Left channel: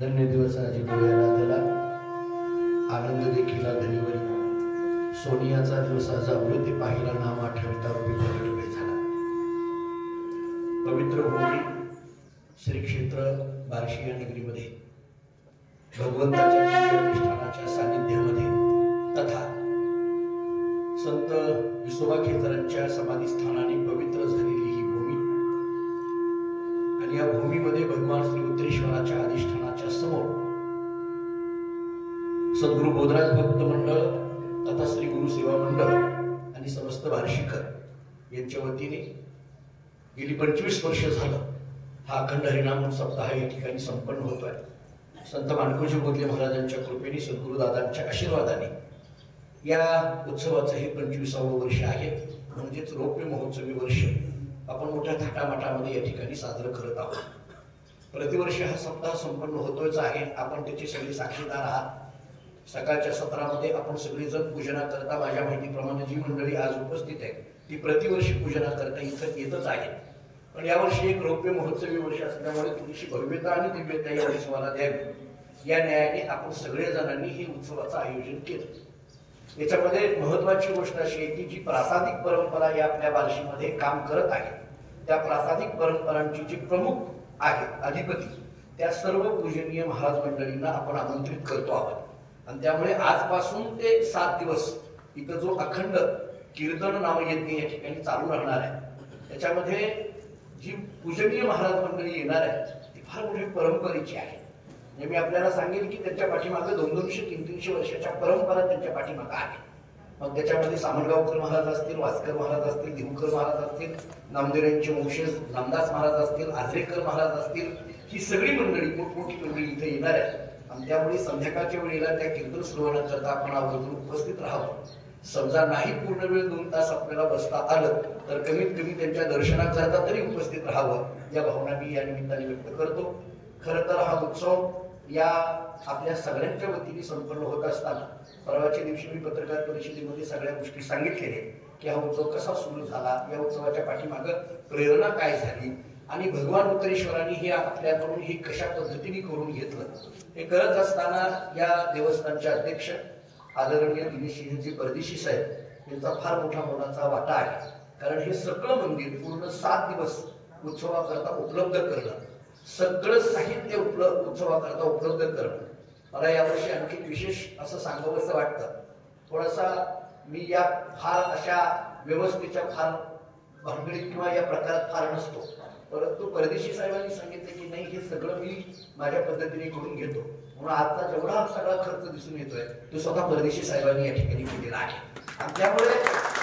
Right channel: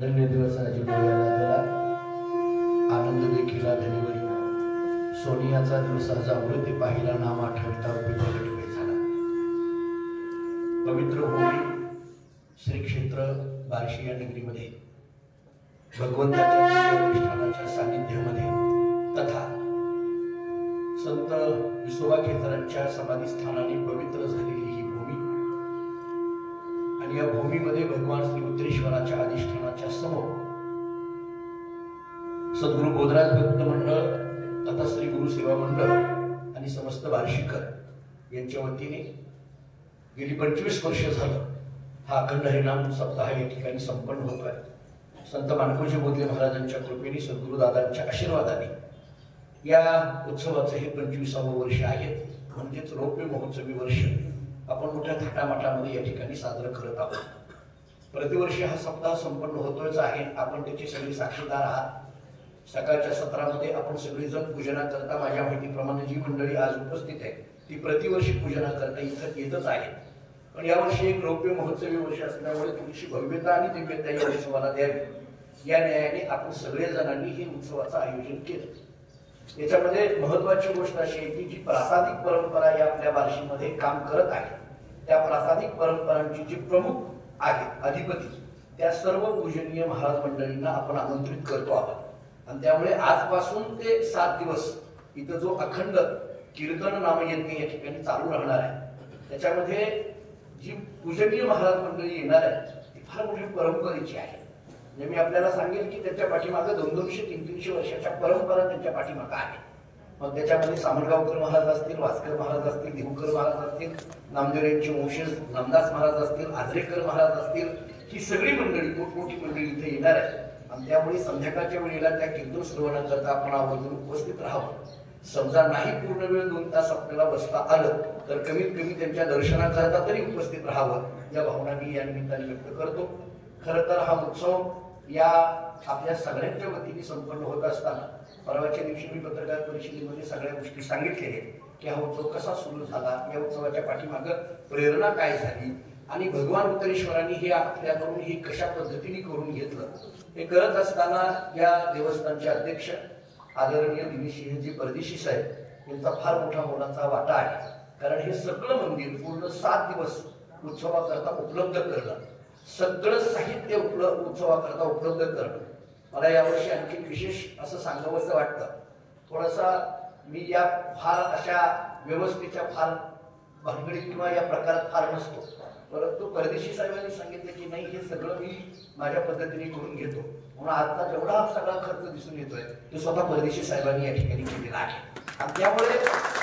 धन्य दिवसाची डोळ्याला त्याला आनंद देखील धनीवरी सोनियाचा दिवसाचा वृद्धी पाहिला नाम आठवता प्रगट वेळ झाला। पवित्र भूमी श्री क्षेत्र बार्शी या नगरीमध्ये भगवंताच्या अधिष्ठानाच्या सानिध्यामध्ये तथा संत विसोबा खेचरांच्या समाधी स्थानाने पवित्र झालेली ही भूमी आणि या भूमीमध्ये भगवान श्री उत्तरेश्वराच्या अधिष्ठानाच्या समोर सद्गुरु बोधराज भक्त मंडळ तथा श्री गुरु सेवा मंडळ आणि समस्त बार्शीकर यांच्या वतीने गेली 25 वर्ष झालं हा अखंड हरिनाम सप्ताह या ठिकाणी संपन्न होतोय। संत माणकोजी बोधले महाराजांच्या कृपेने सद्गुरु दादांच्या आशीर्वादाने या उत्सवाचं हे 25वे वर्ष आहे, म्हणजेच रौप्य महोत्सवी वर्ष आपण मोठ्या थाटामाटामध्ये या ठिकाणी साजरं करत आहोत। प्रतिवर्षी हा सप्ताह संपन्न होतोयच आहे, आपण त्याचे सगळे साक्षीदार आहात। सकाळच्या सत्रामध्ये आपण सगळेजण पूजना करता माझ्या माहितीप्रमाणे जी मंडळी आज उपस्थित आहे ती प्रतिवर्षी पूजना करता इथं येतच आहे, पण यावर्षी एक रौप्य महोत्सवी वर्ष असल्यामुळे थोडीशी भव्यता आणि दिव्यता या उत्सवाला द्यावी या न्यायाने आपण सगळेजणांनी हे उत्सवाचं आयोजन केलं। याच्यामध्ये महत्वाची गोष्ट अशी आहे की जी प्रासादिक परंपरा या आपल्या बार्शीमध्ये काम करत आहे त्या प्रासादिक परंपरांची जी प्रमुख आहेत अधिपती त्या सर्व पूजनीय महाराज मंडळींना आपण आमंत्रित करतो आहोत आणि त्यामुळे आजपासून ते 7 दिवस इथं जो अखंड कीर्तन नामयज्ञ या ठिकाणी चालू राहणार आहे त्याच्यामध्ये जी पूजनीय महाराज मंडळी येणार आहे ती फार मोठी परंपरेची आहे। म्हणजे मी आपल्याला सांगेन की त्याच्या पाठीमागे 200-300 वर्षाच्या परंपरा त्यांच्या पाठीमागे आहे। मग त्याच्यामध्ये सामरगावकर महाराज असतील, वासकर महाराज असतील, देवकर महाराज असतील, नामदेवांचे वंशज नामदास महाराज असतील, आजरेकर महाराज असतील, ही सगळी मंडळी मोठी मंडळी इथे येणार आहे आणि त्यामुळे संध्याकाळच्या वेळेला त्या कीर्तन श्रवण करता आपण आवर्जून उपस्थित राहावं। समजा नाही पूर्ण वेळ 2 तास आपल्याला बसता आलं तर कमीत कमी त्यांच्या दर्शनात जाता तरी उपस्थित राहावं या भावना मी या निमित्ताने व्यक्त करतो। खरं तर हा उत्सव या आपल्या सगळ्यांच्या वतीने संपन्न होत असताना परवाच्या दिवशी मी पत्रकार परिषदेमध्ये सगळ्या गोष्टी सांगितलेल्या की हा उत्सव कसा सुरू झाला, या उत्सवाच्या पाठीमागं प्रेरणा काय झाली आणि भगवान उत्तरेश्वरांनी हे आपल्याकडून हे कशा पद्धतीने करून घेतलं। हे करत असताना या देवस्थानचे अध्यक्ष आदरणीय दिनेशजी परदेशी साहेब यांचा फार मोठा मोलाचा वाटा आहे, कारण हे सगळं मंदिर पूर्ण 7 दिवस उत्सवाकरता उपलब्ध करणं, सगळं साहित्य उत्सवाकरता उपलब्ध करणं मला यावर्षी आणखी विशेष असं सांगावंसं वाटतं। थोडासा मी या फार अशा व्यवस्थेच्या फार भानगडीत किंवा या प्रकारात फार नसतो, परंतु परदेशी साहेबांनी सांगितलं की नाही हे सगळं मी माझ्या पद्धतीने करून घेतो, म्हणून आजचा जेवढा सगळा खर्च दिसून येतोय तो स्वतः परदेशी साहेबांनी या ठिकाणी केलेला आहे आणि त्यामुळे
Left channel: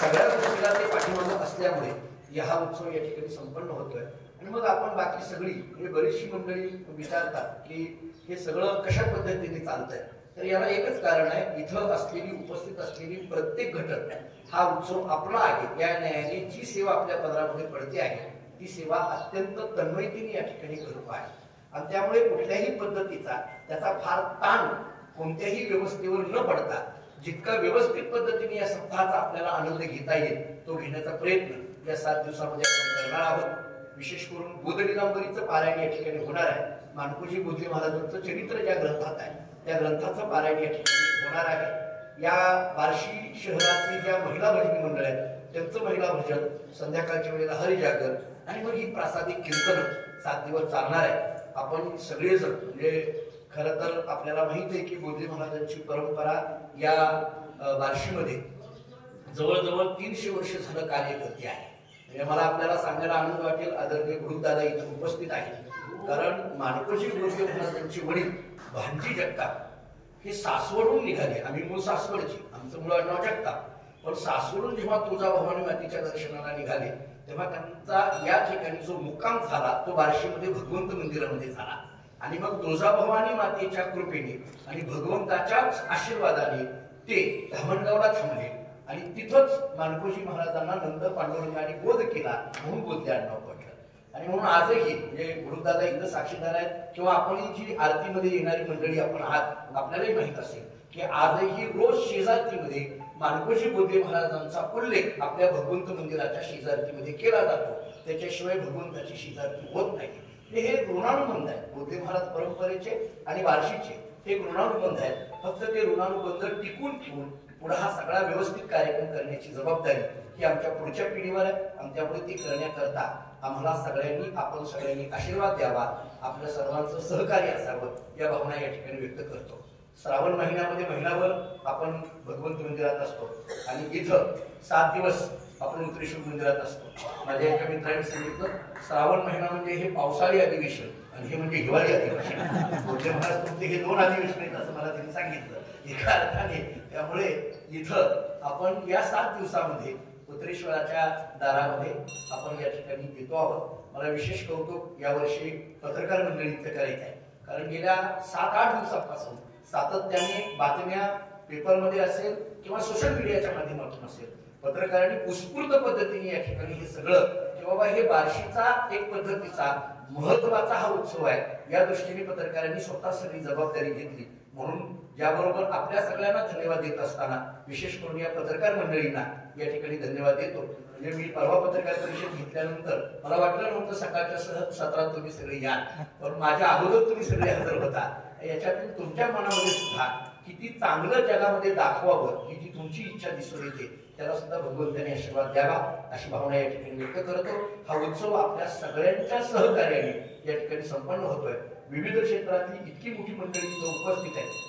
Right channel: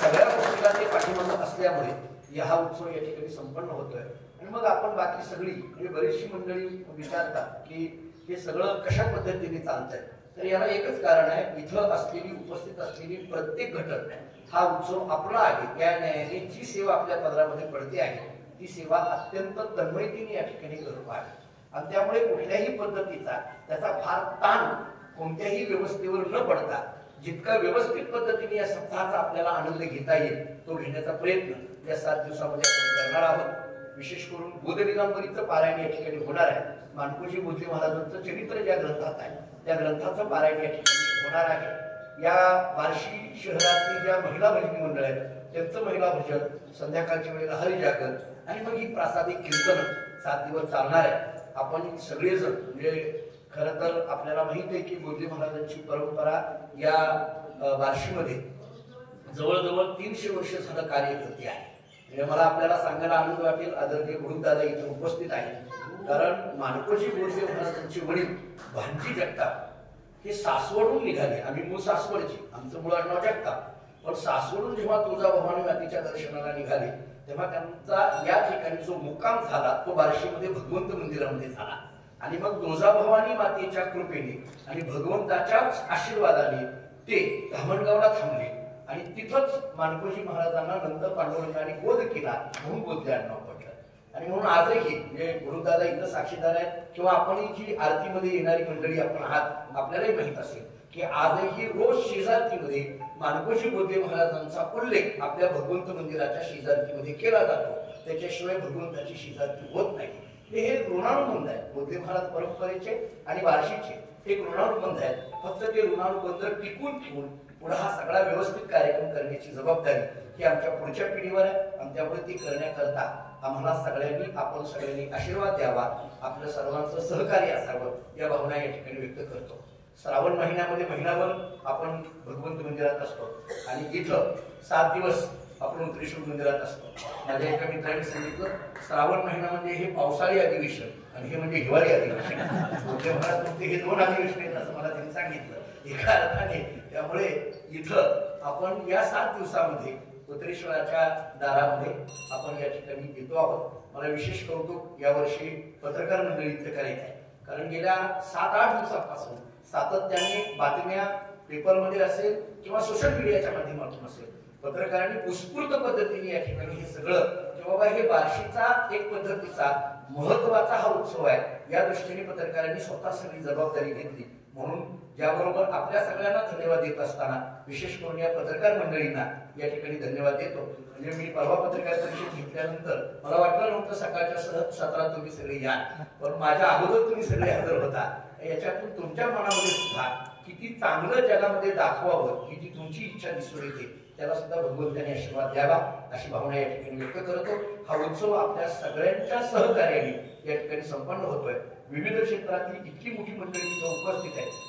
सगळ्या गोष्टीला ते पाठीमागं असल्यामुळे हा उत्सव या ठिकाणी संपन्न होतोय। आणि मग आपण बाकी सगळी म्हणजे बरीचशी मंडळी विचारतात की हे सगळं कशा पद्धतीने चालतंय, तर याला एकच कारण आहे, इथं असलेली उपस्थित असलेली प्रत्येक घटक हा उत्सव आपला आहे या न्यायाने जी सेवा आपल्या पदरामध्ये पडते आहे ती सेवा अत्यंत तन्मयतेने या ठिकाणी करतो आहे आणि त्यामुळे कुठल्याही पद्धतीचा त्याचा फार ताण कोणत्याही व्यवस्थेवर न पडता जितका व्यवस्थित पद्धतीने या सप्ताहाचा आपल्याला आनंद घेता येईल तो घेण्याचा प्रयत्न या 7 दिवसामध्ये आपण करणार आहोत। विशेष करून बोधलीलांबरीचं पारायण या ठिकाणी होणार आहे। माणकोजी बोधले महाराजांचं चरित्र ज्या ग्रंथात आहे त्या ग्रंथाचं पारायण या ठिकाणी होणार आहे। या बार्शी शहरातली ज्या महिला भजनी मंडळ आहेत त्यांचं महिला भजन, संध्याकाळच्या वेळेला हरिजागर आणि मग ही प्रासादिक कीर्तन 7 दिवस चालणार आहे। आपण सगळेजण म्हणजे खरं तर आपल्याला माहित आहे की बोधले महाराजांची परंपरा या बार्शीमध्ये जवळजवळ 300 वर्ष झालं कार्य करते आहे। म्हणजे मला आपल्याला सांगायला आनंद वाटेल आदरणीय गुरुदादा इथे उपस्थित आहे, कारण माणकोजी बोधले महाराजांचे वडील भांजी जगताप हे सासवडून निघाले। आम्ही मूळ सासवडची, आमचं मूळ आडनाव जगताप, पण सासवडून जेव्हा तुळजाभवानी मातेच्या दर्शनाला निघाले तेव्हा त्यांचा या ठिकाणी जो मुक्काम झाला तो बार्शीमध्ये भगवंत मंदिरामध्ये झाला आणि मग तुळजाभवानी मातेच्या कृपेने आणि भगवंताच्याच आशीर्वादाने ते धामणगावला थांबले आणि तिथंच माणकोजी महाराजांना नंतर पांडुरंगाने बोध केला म्हणून बोधले आडनाव पडलं। आणि म्हणून आजही म्हणजे गुरुदादा इथं साक्षीदार आहेत किंवा आपण जी आरतीमध्ये येणारी मंडळी आपण आहात आपल्यालाही माहित असेल की आजही रोज शेजारतीमध्ये माणकोजी बोधले महाराजांचा उल्लेख आपल्या भगवंत मंदिराच्या शेजारतीमध्ये केला जातो, त्याच्याशिवाय भगवंताची शेजारती होत नाही। हे ऋणानुबंध आहे. बोधे महाराज परंपरेचे आणि बार्शीचे हे ऋणानुबंध आहेत. फक्त ते ऋणानुबंध टिकून ठेवून पुढे हा सगळा व्यवस्थित कार्यक्रम करण्याची जबाबदारी ही आमच्या पुढच्या पिढीवर आहे. आमच्यामुळे ती करण्याकरता आम्हाला सगळ्यांनी आपण सगळ्यांनी आशीर्वाद द्यावा, आपल्या सर्वांचं सहकार्य असावं या भावना या ठिकाणी व्यक्त करतो. श्रावण महिन्यामध्ये महिनाभर आपण भगवंत मंदिरात असतो आणि इथं 7 दिवस आपण उत्तरेश्वर मंदिरात असतो. माझ्या एका मित्रांनी सांगितलं श्रावण महिना म्हणजे हे पावसाळी अधिवेशन आणि हे म्हणजे हिवाळी अधिवेशन. महाराज तुमचे हे 2 अधिवेशन आहेत असं मला त्यांनी सांगितलं एका अर्थाने. त्यामुळे इथं आपण या 7 दिवसामध्ये उत्तरेश्वराच्या दारामध्ये आपण या ठिकाणी येतो आहोत. मला विशेष कौतुक यावर्षी पत्रकार मंडळीचं करायचं आहे, कारण गेल्या 7-8 दिवसांपासून सातत्याने बातम्या पेपरमध्ये असेल किंवा सोशल मीडियाच्या माध्यमातून असेल पत्रकारांनी उत्स्फूर्त पद्धतीने या ठिकाणी हे सगळं की बाबा हे बार्शीचा एक पद्धतीचा महत्वाचा हा उत्सव आहे या दृष्टीने पत्रकारांनी स्वतः सगळी जबाबदारी घेतली. म्हणून ज्याबरोबर आपल्या सगळ्यांना धन्यवाद देत असताना विशेष करून या पत्रकार मंडळींना या ठिकाणी धन्यवाद देतो. म्हणजे मी परवा पत्रकार परिषद घेतल्यानंतर मला वाटलं नव्हतं सकाळच्या सत्रात तुम्ही सगळे या, पण माझ्या अगोदर तुम्ही सगळे हजर होता. याच्यातून तुमच्या मनामध्ये सुद्धा किती चांगलं जगामध्ये दाखवावं ही जी तुमची इच्छा दिसून येते त्याला सुद्धा भगवंताने आशीर्वाद द्यावा अशी भावना या ठिकाणी व्यक्त करतो. हा उत्सव आपल्या सगळ्यांच्या सहकार्याने या ठिकाणी संपन्न होतोय. विविध क्षेत्रातली इतकी मोठी मंडळी इथं उपस्थित आहे.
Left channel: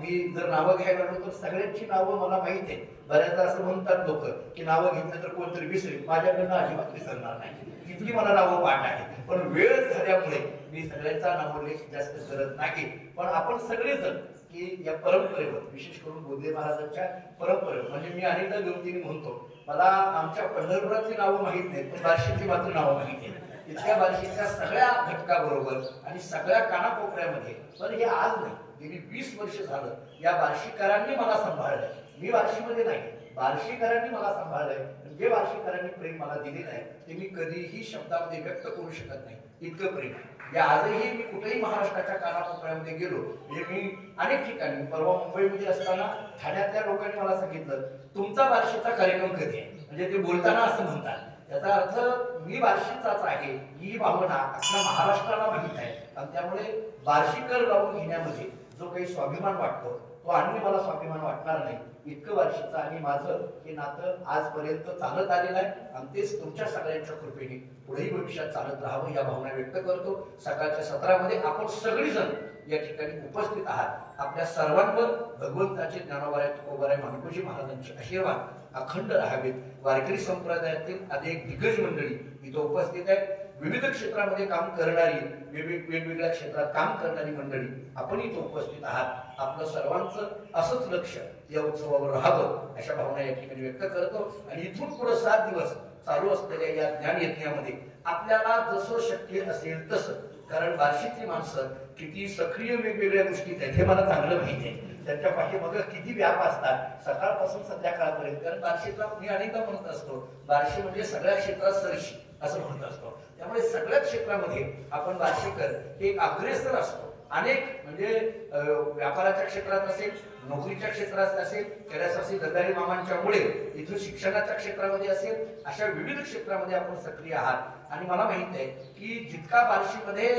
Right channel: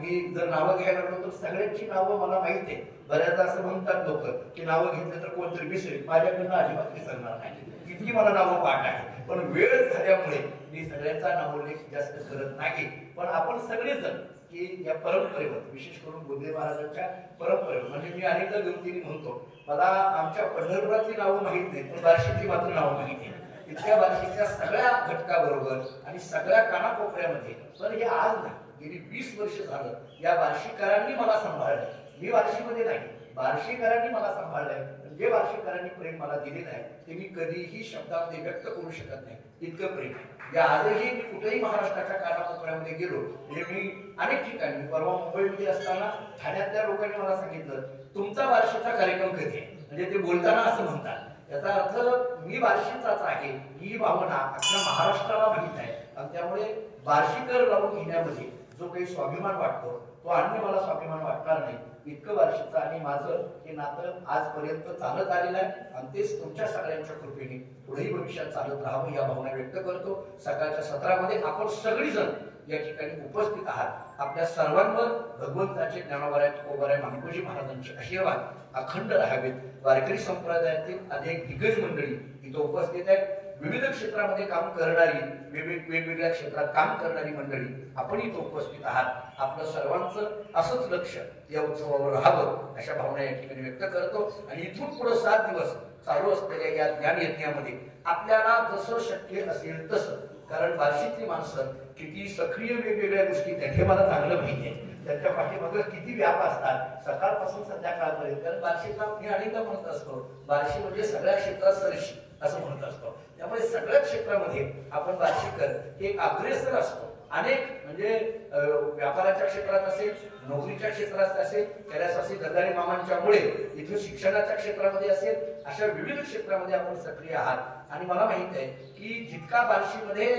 मी जर नावं घ्यायला लागलो तर सगळ्यांची नावं मला माहित आहे. बऱ्याचदा असं म्हणतात लोक की नावं घेतलं तर कोणतरी विसरेल, माझ्याकडनं अजिबात विसरणार नाही, इतकी मला नावं पाठ आहे. पण वेळ झाल्यामुळे मी सगळ्यांचा नामोल्लेख जास्त करत नाही. पण आपण सगळेजण की या परंपरेवर विशेष करून बोधे महाराजांच्या परंपरेवर म्हणजे मी अनेकदा गमतीने म्हणतो मला आमच्या पंढरपुरातली नावं माहित नाहीत पण बार्शीतली मात्र नावं माहिती आहेत. इतक्या बार्शीच्या सगळ्या घटकाबरोबर आणि सगळ्या कानाकोपऱ्यामध्ये पण हे आज नाही, गेली 20 वर्ष झालं या बार्शीकरांनी मला सांभाळलंय. मी बार्शीमध्ये नाही, बार्शीकरांनी मला सांभाळलंय. जे बार्शीकरांनी प्रेम मला दिलेलं आहे ते मी कधीही शब्दामध्ये व्यक्त करू शकत नाही, इतकं प्रेम. या आजही मी कुठेही महाराष्ट्राच्या कानाकोपऱ्यामध्ये गेलो म्हणजे मी अनेक ठिकाणी परवा मुंबईमध्ये असताना ठाण्यातल्या लोकांनी मला सांगितलं तुमचा बार्शीचा कार्यक्रम कधी आहे, म्हणजे ते बोलताना असं म्हणतात. याचा अर्थ मी बार्शीचाच आहे ही भावना अख्ख्या महाराष्ट्राला माहित आहे. आणि त्यामुळे बार्शीकर लावून घेण्यामध्ये जो काही स्वाभिमान वाटतो तो अन्य मला स्वाभिमान वाटणार नाही. इतकं बार्शीचं आणि माझं हे नातं आजपर्यंत चालत आलेलं आहे आणि तेच तुमच्या सगळ्यांच्या कृपेने पुढेही भविष्यात चालत राहावं या भावना व्यक्त करतो. सकाळच्या सत्रामध्ये आपण सगळीजण या ठिकाणी उपस्थित आहात. आपल्या सर्वांवर भगवंताचे ज्ञानोबराय तुकोबराय नामदेवजी महाराजांचे आशीर्वाद अखंड राहावेत. वारकरी संप्रदायातील अनेक दिग्गज मंडळी इथं उपस्थित आहेत. विविध क्षेत्रामध्ये काम करणारी वेगवेगळ्या क्षेत्रात काम करणारी मंडळी आपण इथं उपस्थित आहात. आपलं सर्वांचं असंच लक्ष या उत्सवावर राहावं अशा भावना या ठिकाणी व्यक्त करतो. आणि इथून पुढे 7 दिवस चालू असलेल्या या ज्ञान यज्ञामध्ये आपल्याला जसं शक्य असेल तसं, कारण बार्शीतली माणसं किती सक्रिय वेगवेगळ्या गोष्टी हे मला चांगलं माहिती आहे. त्यांच्या पाठीमागे किती व्याप असतात सकाळपासून संध्याकाळपर्यंत. कारण बार्शीचा मी अनेकदा म्हणत असतो बार्शी म्हणजे सगळ्या क्षेत्रात सरशी असं म्हणत असतो. त्यामुळे सगळ्या क्षेत्रामध्ये आपण बार्शीकर हे एक अग्रेसर असतो. अनेक म्हणजे व्यापाराच्या क्षेत्रात असेल, नोकरीच्या क्षेत्रात असेल, कैलासवासी दर्दारी मामांच्यामुळे इथं शिक्षणाच्या क्षेत्रामध्ये असेल, अशा विविध क्षेत्रामध्ये आपण सक्रिय आहात. आणि मला माहित आहे की जितका बार्शीमध्ये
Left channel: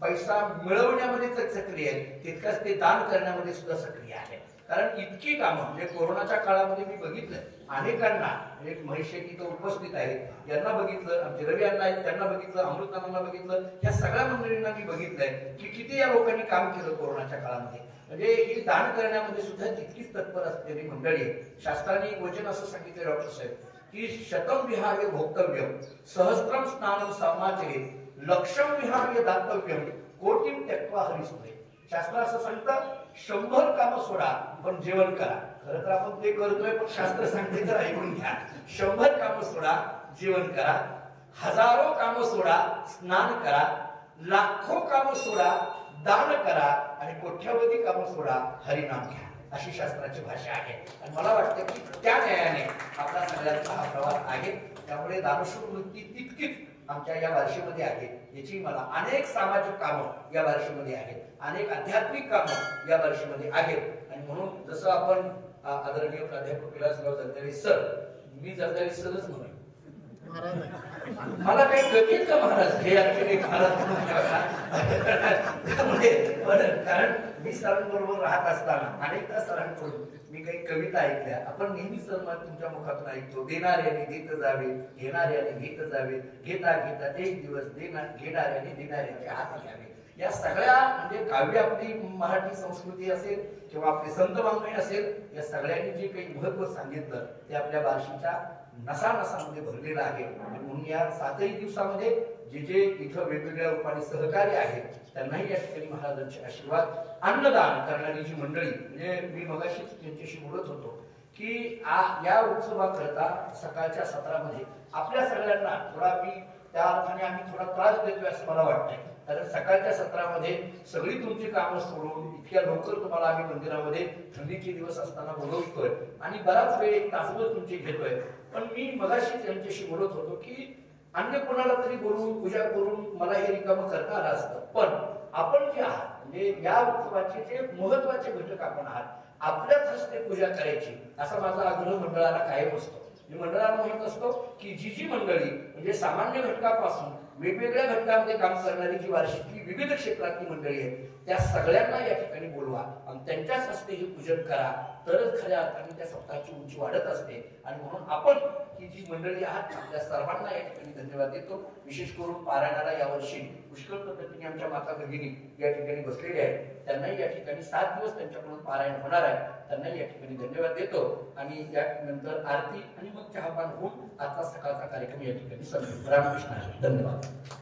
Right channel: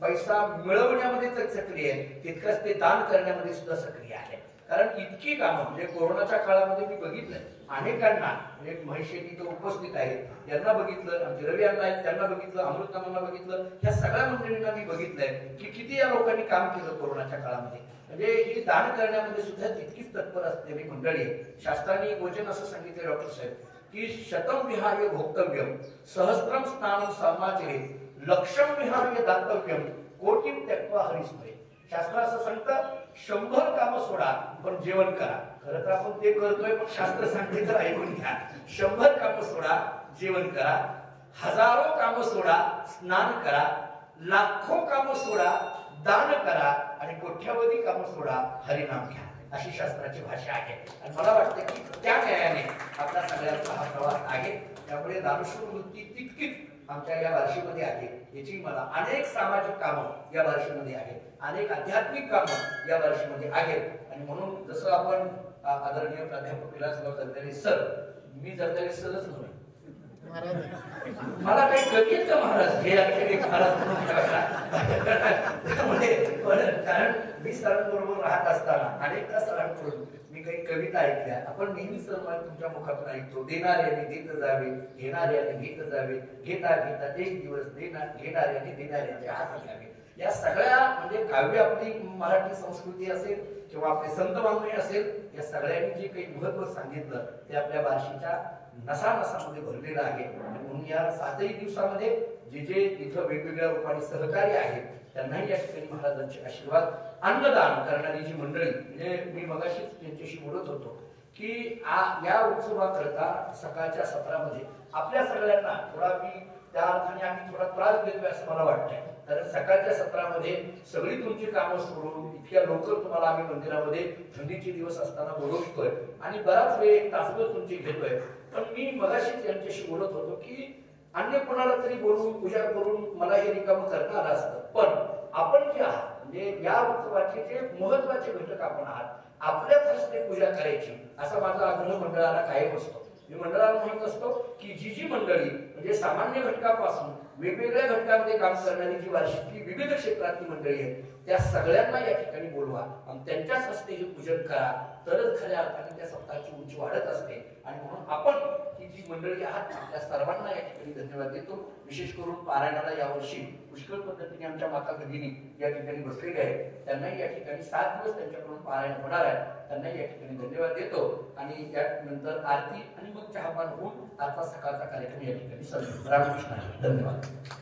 पैसा मिळवण्यामध्ये सक्रिय आहे तितकंच ते दान करण्यामध्ये सुद्धा सक्रिय आहे. कारण इतकी कामं म्हणजे कोरोनाच्या काळामध्ये मी बघितलं अनेकांना, म्हणजे महेश शेट्टी तो उपस्थित आहेत यांना बघितलं, आमचे रवी अण्णा आहेत त्यांना बघितलं, अमृतनामांना बघितलं, या सगळ्या मंडळींना मी बघितलंय की किती या लोकांनी काम केलं कोरोनाच्या काळामध्ये. म्हणजे हे दान करण्यामध्ये सुद्धा तितकीच तत्पर असलेली मंडळी आहे. शास्त्राने एक वचन असं सांगितलं डॉक्टर साहेब की शतम विहाय भोक्तव्यम सहस्त्रम स्नानम समाचे लक्षम विहाय दातव्यम कोटीम त्यक्त्वा हरिसुते. शास्त्र असं सांगतं 100 कामं सोडा पण जेवण करा. खरं तर आपण ते करतोय पण शास्त्र सांगते तर ऐकून घ्या. 100 कामं सोडा जेवण करा, हजारो कामं सोडा स्नान करा, लाखो कामं सोडा दान करा आणि कोट्यावधी कामं सोडा हरिनाम घ्या. अशी शास्त्राची भाषा आहे. आणि मला वाटतं की त्या न्यायाने आपला सगळ्यांचा हा प्रवास आहे. त्यामुळे दानशूर वृत्ती तितकीच आमच्या या बार्शीमध्ये आहे. याची मला अनेक सामाजिक कामं या बार्शीमध्ये आहेत, अनेक आध्यात्मिक कामं या बार्शीमध्ये आहेत. आणि म्हणून जसं आपण आदरणीय प्राध्यापक विलासराव जगदाळे सर, मी जगदाळे सरच म्हणून मला काही कमी आहेत का महाराज हे एक महाराज कारण मी सरांबरोबर राहत असताना अनेकदा सरांकडून मी काही कविता ऐकल्या. आपण नेहमी सर तुमच्या मुखातून ऐकतो, देणाऱ्याने देत जावे, घेणाऱ्याने घेत जावे, घेता घेता एक दिवस घेणाऱ्याने देणाऱ्याचे हात घ्यावे. या सगळ्या म्हणजे काव्य आपली मराठी संस्कृती असेल किंवा आपले संत वाङ्मय असेल, या सगळ्यांनी जे काही महत्व सांगितलं ते आपल्या बार्शीच्या नसानसामध्ये भरलेलं आहे. म्हणून या 7ही दिवसामध्ये जे जे इथं वेगवेगळ्या रूपाने सहकार्य आहेत त्यांनाही या ठिकाणी महाराजांचे आशीर्वाद. अन्नदान करणारी जी मंडळी, म्हणजे मी मगाशीच त्यांच्याशी बोलत होतो की या उत्सवाकरता सकाळच्या सत्रामध्ये आपल्या सगळ्यांना थोडा मी त्या अर्थाने आम्ही थोडा त्रास देतोय असं मला वाटतंय. कारण सकाळच्या सत्रामध्ये सगळी तुमची कामं सोडून इतक्या लवकर तुम्हाला आम्ही मंदिरामध्ये थंडीचे दिवस असताना बोलवतोय आणि बराच वेळ 1 तासभर तुमची घेतोय. पण मी मगाशी त्यांच्याशी बोलत होतो की अन्य कोणाला तरी बोलवून पूजा करून मला हे रिकामं करता आलं असतं, पण आपण जे आहात म्हणजे या उत्सवाचे जे महत्वाचे घटक आपण आहात, आपल्याच हस्ते पूजा करायची असा माझा आग्रह मंडळाला कायम असतो. मी मंडळाला म्हणत असतो की जी जी मंडळी म्हणजे सामान्य घटकापासून वेगवेगळ्या घटकांमध्ये काम करणारी जी वार्षिकली विविध क्षेत्रातली मंडळी आहेत त्या सगळ्यांना या ठिकाणी बोलवा आणि त्यांच्याच हस्ते हे पूजन करा, तरच खऱ्या अर्थाने त्या सप्ताहाची उंची वाढत असते. आणि म्हणून आपण ही जी मंडळी आहात त्या सर्वांना या ठिकाणी धन्यवाद देतो. विशेष करून पारायणाला यावर्षी पुष्कळ पद्धतीने आमच्या माता भगिनी या ठिकाणी बसलेल्या आहेत, त्यांनाही या ठिकाणी 7 दिवस त्यांच्याकडून पारायण होणार आहे, त्यांनाही या ठिकाणी धन्यवाद देतो. आणि त्यानंतर आरती आणि मग चहापान होऊन आता सकाळचा कार्यक्रम या ठिकाणी संपतो. रामकृष्ण, धन्यवाद.